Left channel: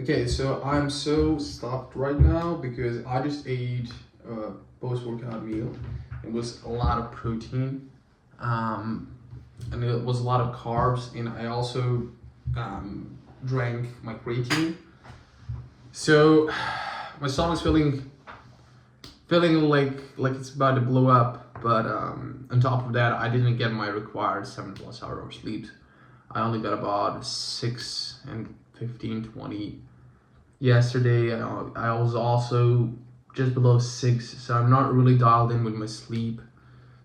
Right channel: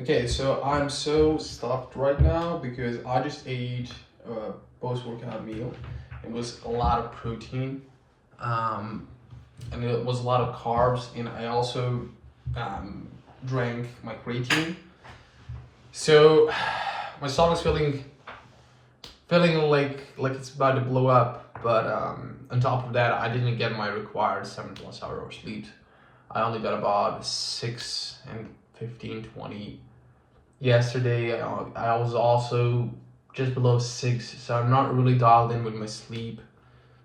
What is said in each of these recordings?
Okay, so I'm so stuffed right now because I just ate a post-workout meal. It was a lot of protein, um, and it was a lot of carbs, and I also drank my creatine. So my stomach's feeling like it's about to blow up. But on top of that, I didn't get my required 7+ hour of sleep. I only got about 6 and 15, 20. Yesterday, I was also just below 6, so I'm not really dialed in with my sleep.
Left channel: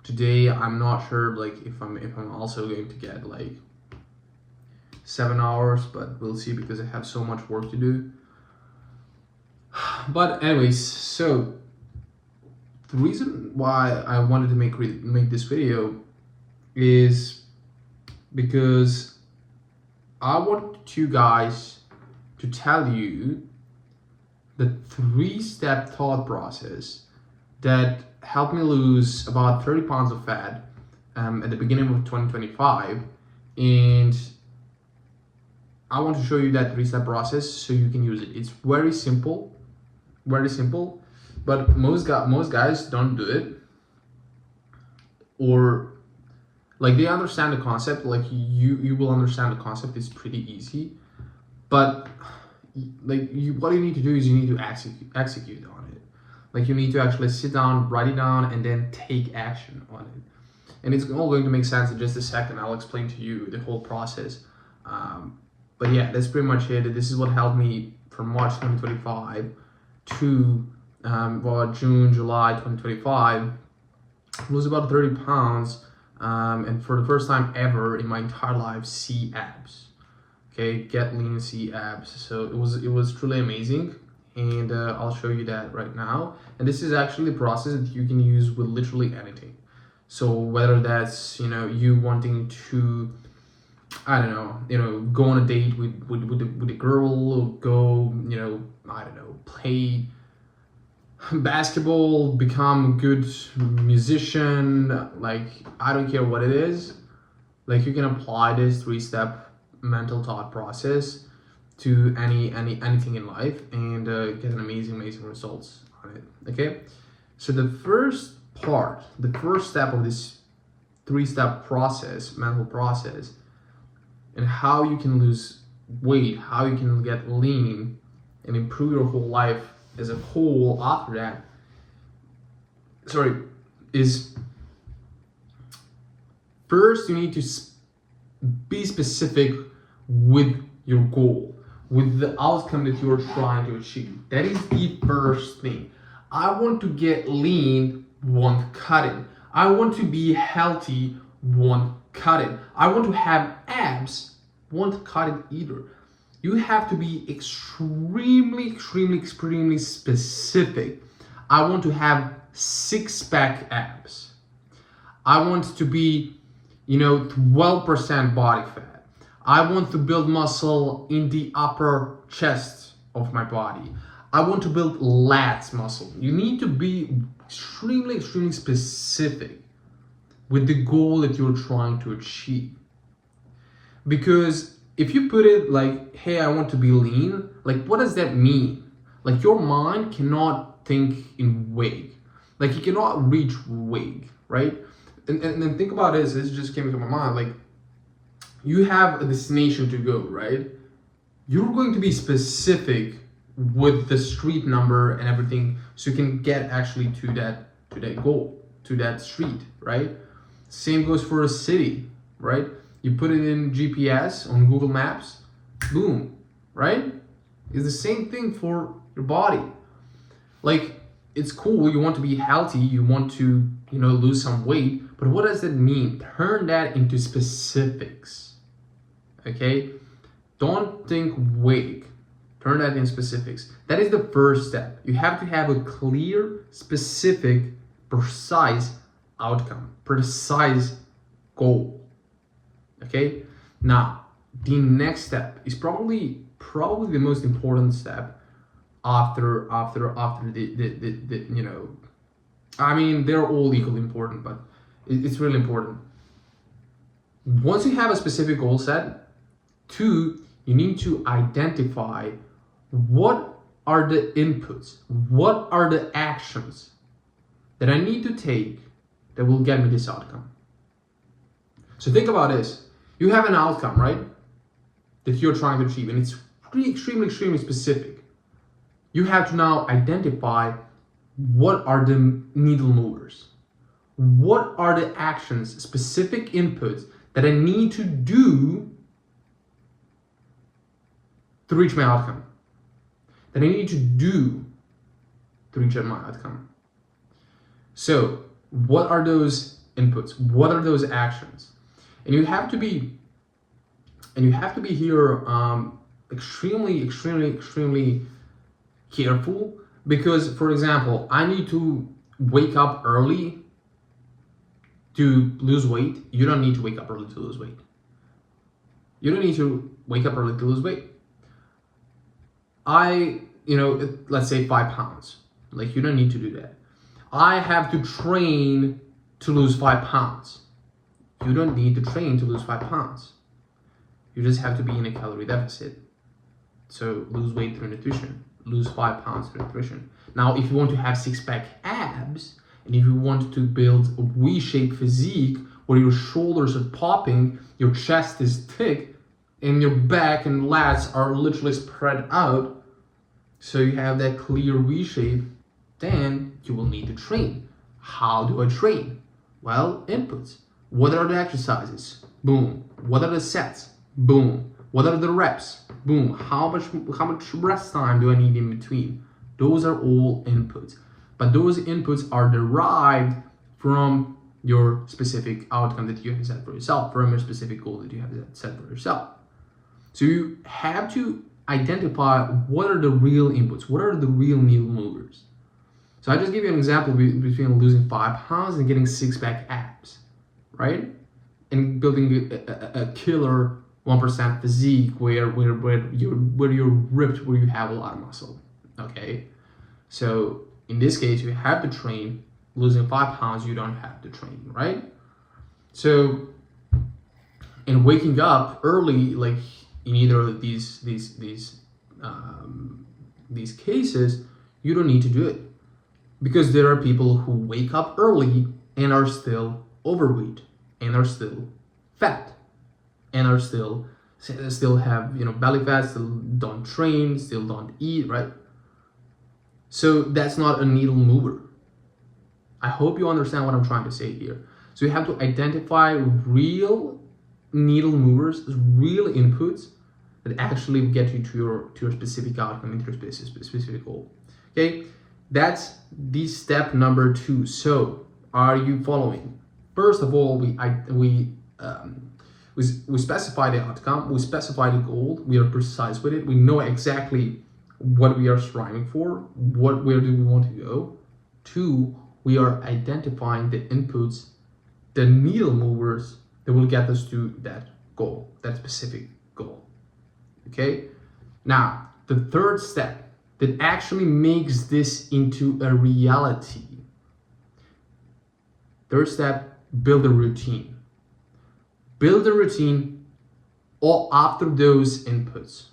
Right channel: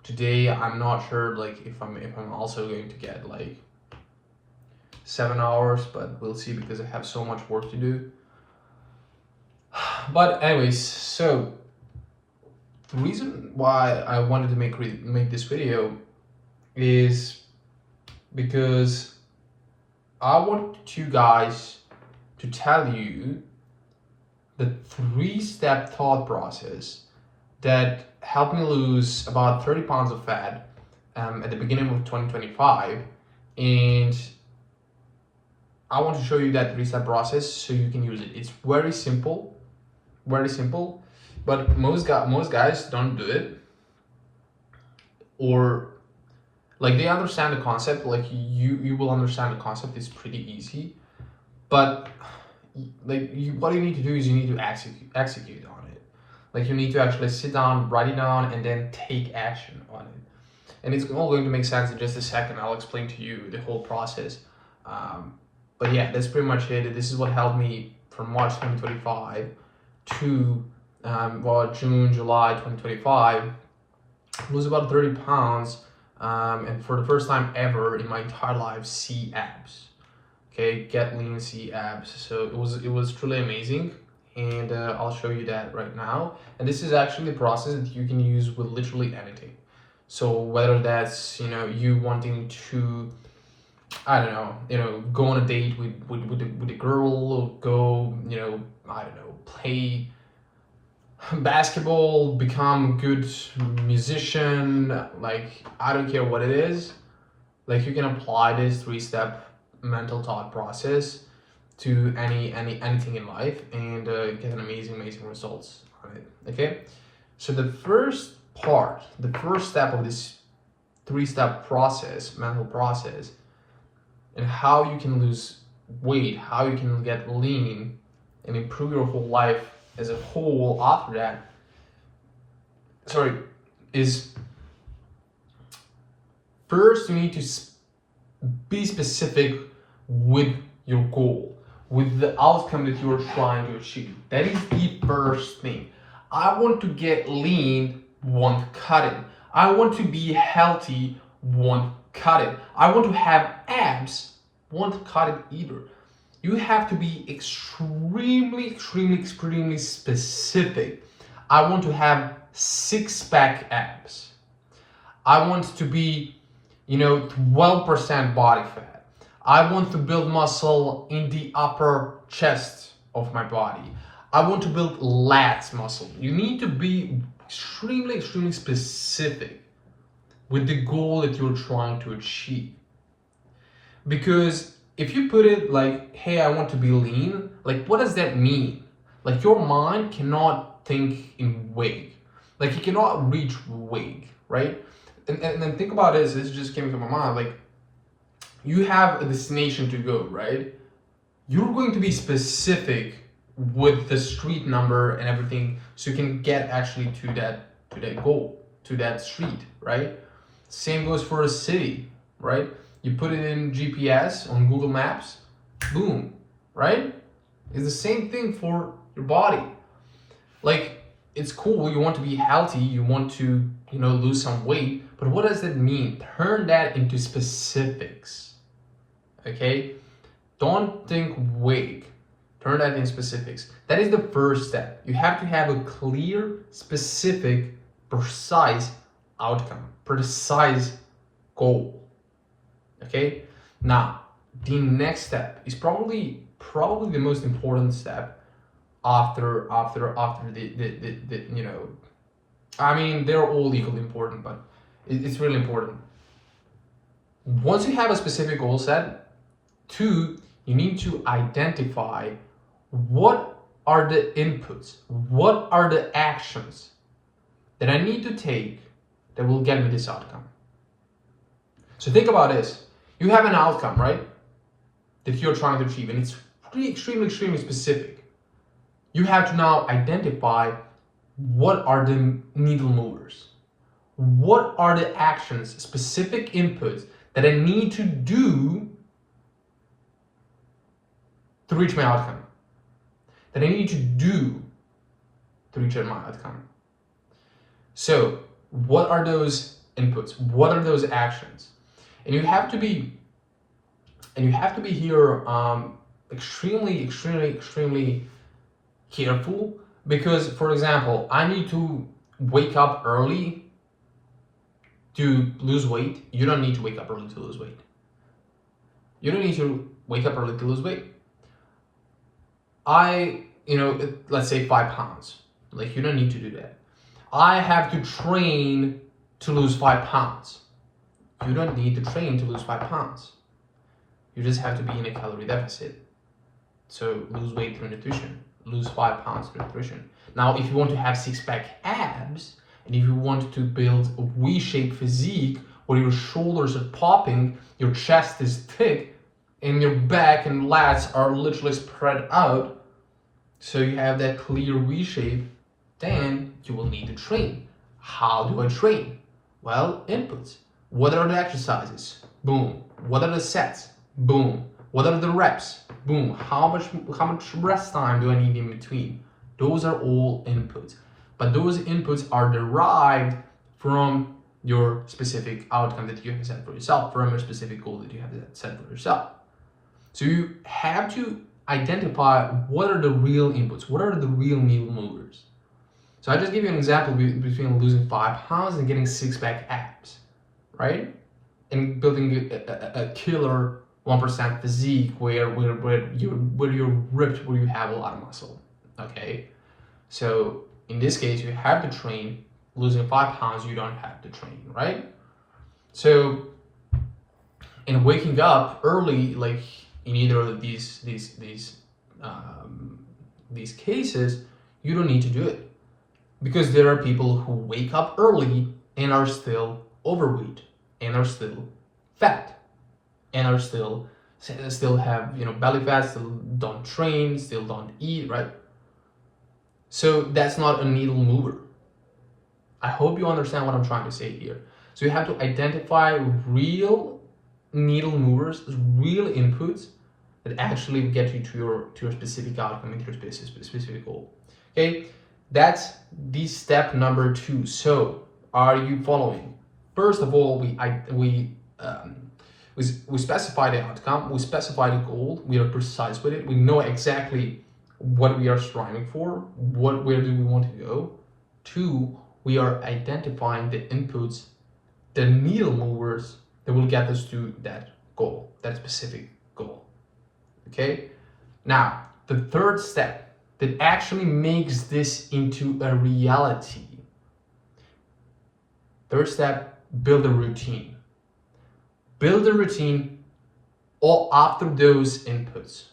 Today, I'm not sure like if I'm also going to get like 7 hours, but we'll see because I have so much work to do. But anyways, so the reason why I wanted to make this video is because I want you guys to tell you the 3-step thought process that helped me lose about 30 pounds of fat at the beginning of 2025. And I want to show you that 3-step process so you can use it. It's very simple, but most guys don't do it, or like they understand the concept. Like you will understand the concept. It's pretty easy, but what you need to do is you need to execute on it. Like you need to actually sit down, write it down, and then take action on it. And it's all going to make sense in just a second. I'll explain to you the whole process. But yeah, that's pretty much it. This is what helped me from March 2025 to June, July 2025. Lose about 30 pounds, and for the first time ever in my entire life, see abs. Okay, get lean, see abs. So it was truly amazing, and I'll show you that right now. And this is actually the process that you can use with literally anything. So whether that's you wanting to, I don't know, go on a date with a girl, or go I don't know, play basketball, become good musician, like I don't care what it is, like you can apply this 3-step mental thought process to anything in life and get an amazing results on it. Okay, so the first step of this 3-step process, mental process, and how you can lose weight, how you can get lean and improve your whole life as a whole after that, is first you need to be specific with your goal, with the outcome that you're trying to achieve. That is the first thing. I want to get lean, won't cut it. I want to be healthy, won't cut it. I want to have abs, won't cut it either. You have to be extremely specific. I want to have 6-pack abs. I want to be 12% body fat. I want to build muscle in the upper chest of my body. I want to build lats muscle. You need to be extremely specific with the goal that you're trying to achieve. Because if you put it like, hey, I want to be lean, like what does that mean? Like your mind cannot think in weight. Like you cannot reach weight, right? And then think about this just came to my mind, like you have a destination to go, right? You're going to be specific with the street number and everything so you can get actually to that goal, to that street, right? Same goes for a city, right? You put it in GPS on Google Maps, boom, right? It's the same thing for your body. Like it's cool, you want to be healthy, you want to lose some weight, but what does that mean? Turn that into specifics. Okay, don't think vague. Turn that into specifics. That is the first step. You have to have a clear, specific, precise outcome, precise goal. Okay, now the next step is probably the most important step after the I mean, they're all equally important, but it's really important. Once you have a specific goal set, 2, you need to identify what are the inputs? What are the actions that I need to take that will get me this outcome? So think about this. You have an outcome, right? That you're trying to achieve, and it's extremely specific. You have to now identify what are the needle movers. What are the actions, specific inputs that I need to do to reach my outcome? That I need to do to reach my outcome. So, what are those inputs? What are those actions? And you have to be here extremely careful, because, for example, I need to wake up early to lose weight. You don't need to wake up early to lose weight. You don't need to wake up early to lose weight. Let's say 5 pounds. Like, you don't need to do that. I have to train to lose 5 pounds. You don't need to train to lose 5 pounds. You just have to be in a calorie deficit. So lose weight through nutrition. Lose 5 pounds through nutrition. Now, if you want to have 6-pack abs, and if you want to build a V-shaped physique where your shoulders are popping, your chest is thick, and your back and lats are literally spread out, so you have that clear V shape, then you will need to train. How do I train? Well, inputs. What are the exercises? Boom. What are the sets? Boom. What are the reps? Boom. How much rest time do I need in between? Those are all inputs. But those inputs are derived from your specific outcome that you have set for yourself, from your specific goal that you have set for yourself. So you have to identify what are the real inputs, what are the real needle movers. So I just give you an example between losing 5 pounds and getting 6-pack abs, right? And building a killer 1% physique where you're ripped, where you have a lot of muscle, okay? So in this case, you have to train. Losing 5 pounds, you don't have to train, right? So in waking up early, like in either of these cases, you don't need to do it, because there are people who wake up early and are still overweight, and are still fat, and are still have belly fat, still don't train, still don't eat, right? So that's not a needle mover. I hope you understand what I'm trying to say here. So you have to identify real needle movers, real inputs that actually get you to your specific outcome and to your specific goal. Okay, that's the step number 2. So are you following? First of all, we specify the outcome, we specify the goal, we are precise with it, we know exactly what we are striving for, where do we want to go. 2, we are identifying the inputs, the needle movers that will get us to that goal, that specific goal. Okay? Now, the third step that actually makes this into a reality. Third step, build a routine. Build a routine all after those inputs,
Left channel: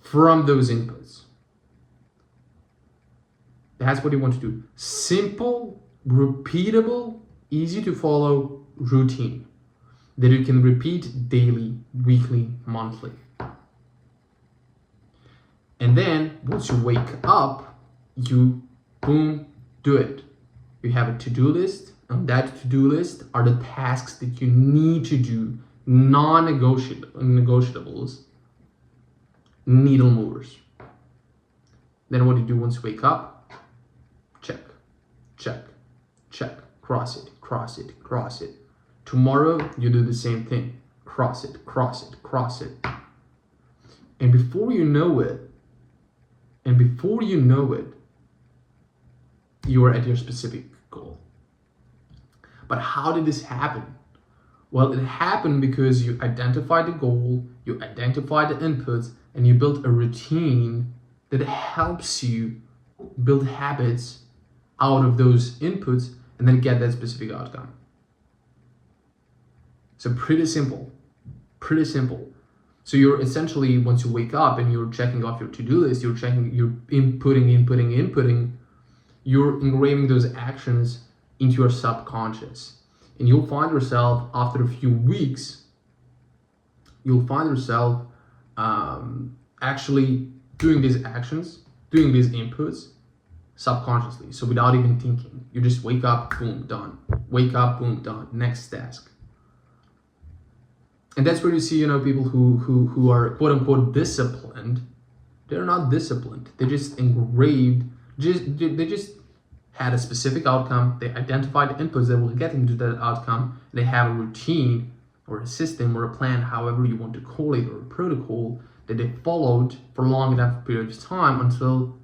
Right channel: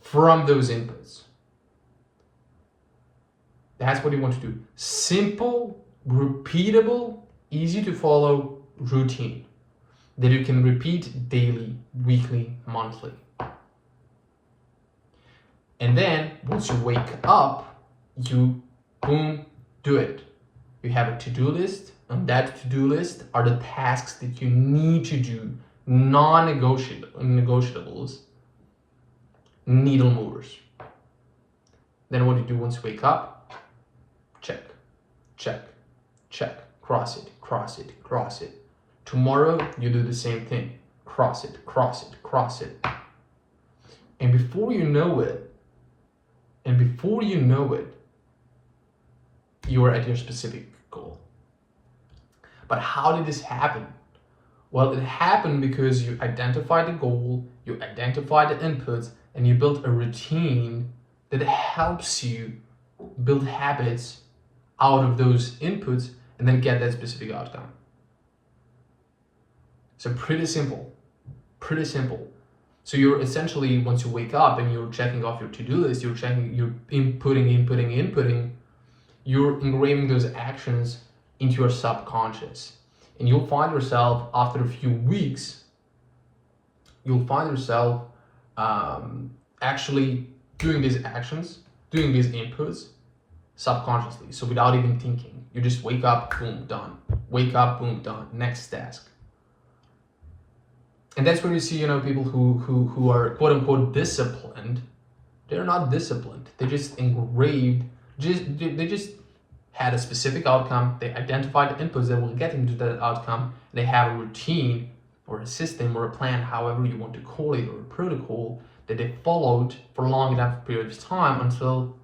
from those inputs. That's what you want to do. Simple, repeatable, easy to follow routine that you can repeat daily, weekly, monthly. And then once you wake up, you boom, do it. You have a to-do list. On that to-do list are the tasks that you need to do, non-negotiables, needle movers. Then what do you do once you wake up? Check, check, check, cross it, cross it, cross it. Tomorrow, you do the same thing. Cross it, cross it, cross it. And before you know it, you are at your specific goal. But how did this happen? Well, it happened because you identified the goal, you identified the inputs, and you built a routine that helps you build habits out of those inputs and then get that specific outcome. So pretty simple, pretty simple. So you're essentially, once you wake up and you're checking off your to-do list, you're inputting, you're engraving those actions into your subconscious. And you'll find yourself after a few weeks, actually doing these actions, doing these inputs subconsciously. So without even thinking, you just wake up, boom, done. Wake up, boom, done. Next task. And that's where you see, people who are quote unquote disciplined. They're not disciplined. They just engraved. They just had a specific outcome. They identified inputs that will get them to that outcome. They have a routine or a system or a plan, however you want to call it, or a protocol that they followed for a long enough period of time until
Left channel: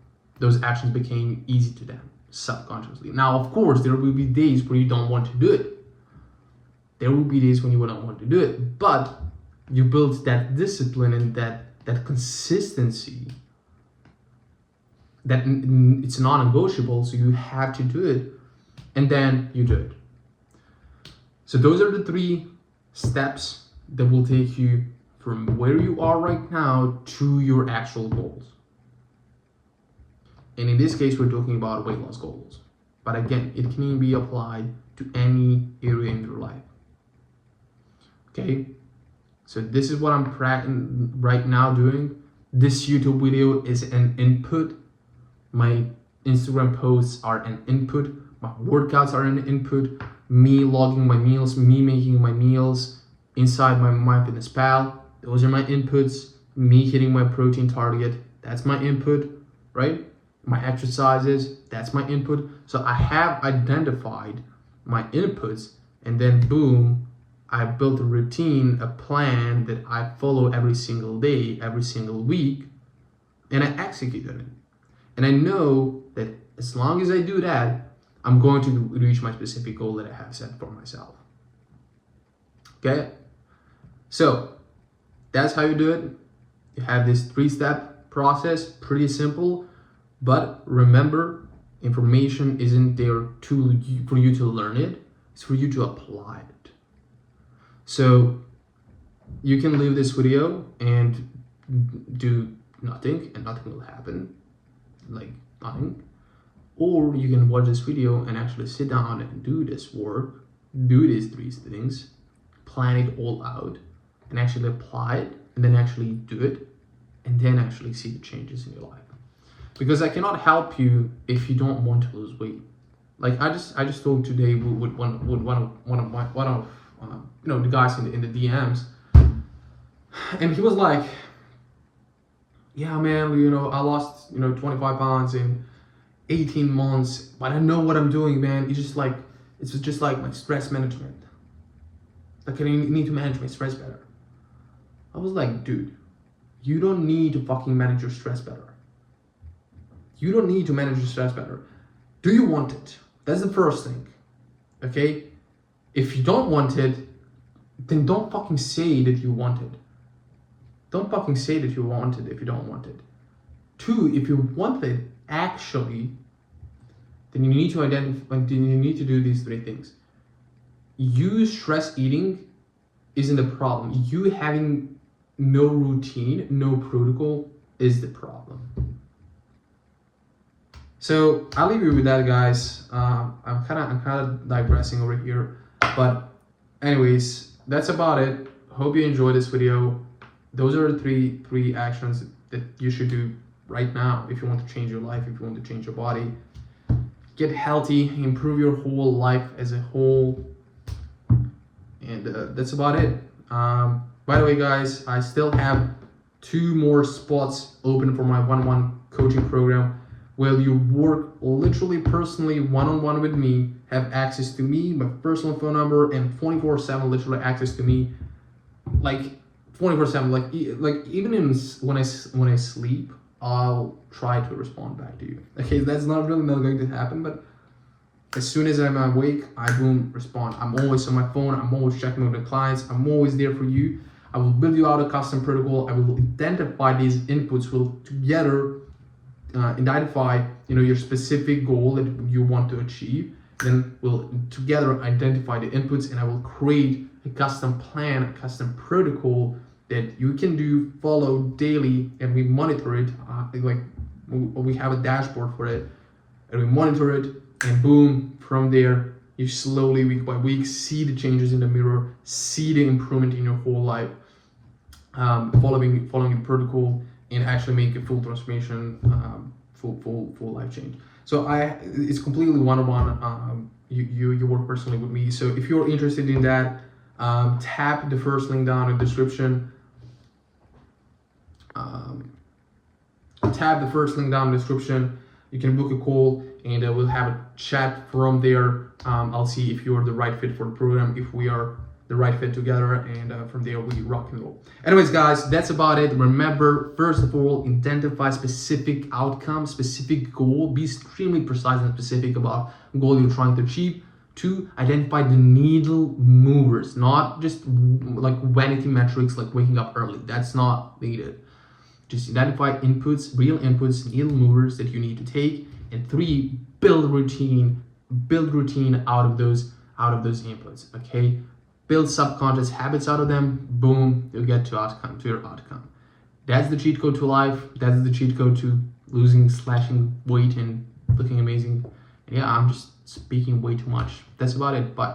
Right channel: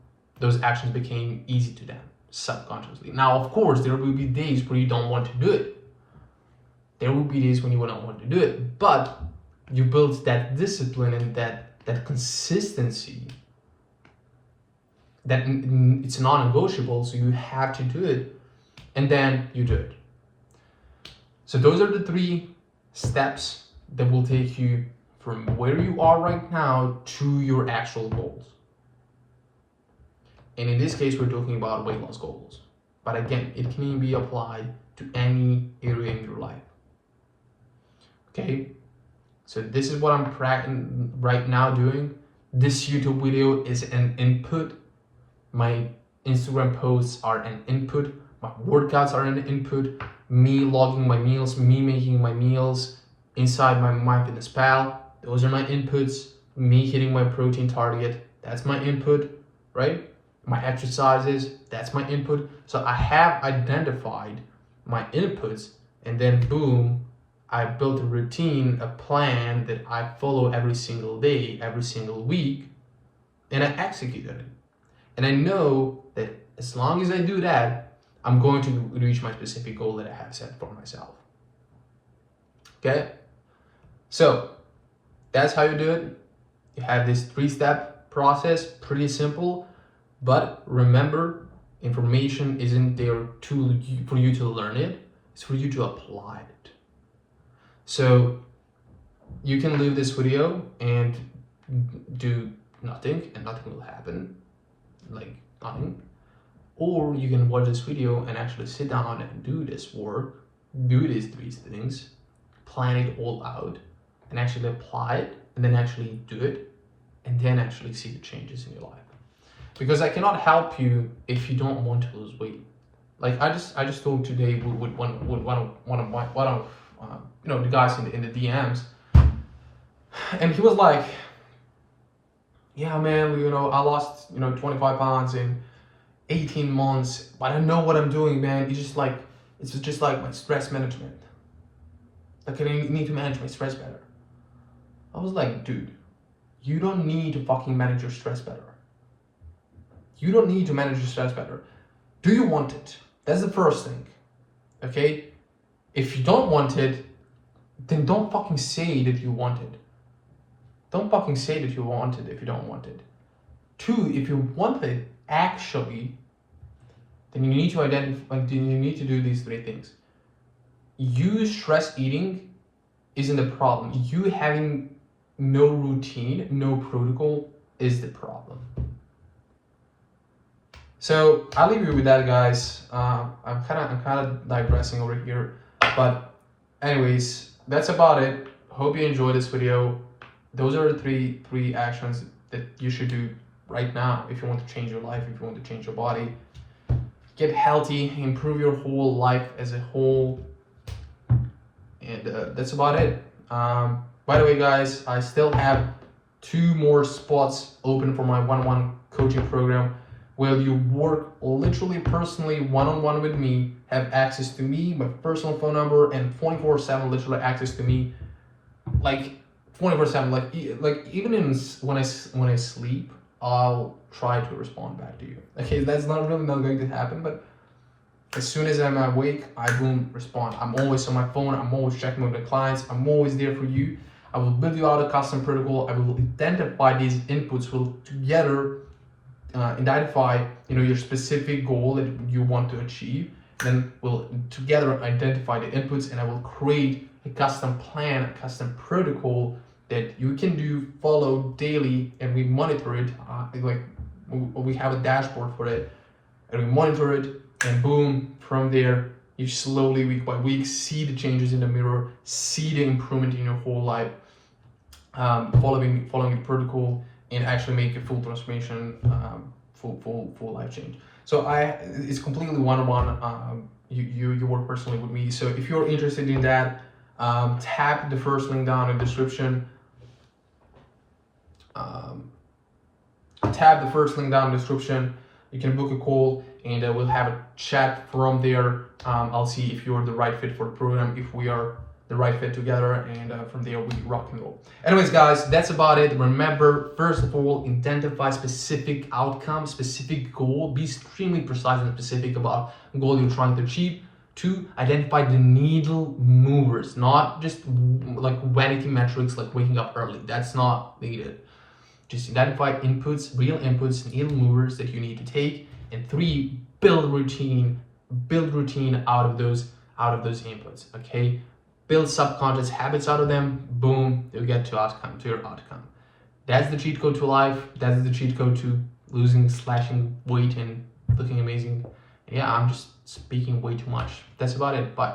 those actions became easy to them subconsciously. Now, of course, there will be days where you don't want to do it. There will be days when you don't want to do it, but you build that discipline and that consistency, that it's non-negotiable, so you have to do it, and then you do it. So those are the 3 steps that will take you from where you are right now to your actual goals. And in this case, we're talking about weight loss goals. But again, it can be applied to any area in your life. Okay, so this is what I'm right now doing. This YouTube video is an input. My Instagram posts are an input. My workouts are an input. Me logging my meals, me making my meals inside my MyFitnessPal. Those are my inputs. Me hitting my protein target, that's my input, right? My exercises, that's my input. So I have identified my inputs, and then boom, I built a routine, a plan that I follow every single day, every single week, and I execute on it. And I know that as long as I do that, I'm going to reach my specific goal that I have set for myself. Okay? So that's how you do it. You have this 3-step process, pretty simple, but remember, information isn't there for you to learn it, it's for you to apply it. So you can leave this video and do nothing, and nothing will happen, like nothing. Or you can watch this video and actually sit down and do this work, do these 3 things, plan it all out, and actually apply it, and then actually do it, and then actually see the changes in your life. Because I cannot help you if you don't want to lose weight. Like I just talked today with one of the guys in the DMs, and he was like, yeah man, I lost 25 pounds in 18 months, but I know what I'm doing, man. It's just like my stress management. Like I need to manage my stress better. I was like, dude, you don't need to fucking manage your stress better. You don't need to manage your stress better. Do you want it? That's the first thing. Okay? If you don't want it, then don't fucking say that you want it. Don't fucking say that you want it if you don't want it. 2, if you want it actually, then you need to identify, you need to do these 3 things. You stress eating isn't the problem. You having no routine, no protocol is the problem. So I'll leave you with that, guys. I'm kind of digressing over here, but anyways, that's about it. Hope you enjoyed this video. Those are the three actions that you should do right now if you want to change your life, if you want to change your body, get healthy, improve your whole life as a whole, and that's about it. By the way, guys, I still have 2 more spots open for my one-on-one coaching program, where you work literally personally one-on-one with me, have access to me, my personal phone number, and 24/7 literally access to me, like 24/7. Like even when I sleep, I'll try to respond back to you. Okay, that's not going to happen, but as soon as I'm awake, I boom respond. I'm always on my phone. I'm always checking with the clients. I'm always there for you. I will build you out a custom protocol. I will identify these inputs. We'll together identify your specific goal that you want to achieve. Then we'll together identify the inputs, and I will create a custom plan, a custom protocol that you can follow daily, and we monitor it. We have a dashboard for it, and we monitor it, and boom, from there you slowly, week by week, see the changes in the mirror, see the improvement in your whole life, following the protocol, and actually make a full transformation, full life change. So it's completely one-on-one. You work personally with me. So if you're interested in that, tap the first link down in the description. Tap the first link down in the description. You can book a call, and we'll have a chat from there. I'll see if you're the right fit for the program, if we are the right fit together, and from there we rock and roll. Anyways, guys, that's about it. Remember, first of all, identify specific outcome, specific goal. Be extremely precise and specific about the goal you're trying to achieve. 2, identify the needle movers, not just like vanity metrics like waking up early. That's not needed. Just identify inputs, real inputs, needle movers that you need to take. And 3, build routine out of those inputs. Okay, build subconscious habits out of them. Boom, you'll get to your outcome. That's the cheat code to life. That's the cheat code to losing, slashing weight, and looking amazing. Yeah, I'm just speaking way too much. That's about it. Bye.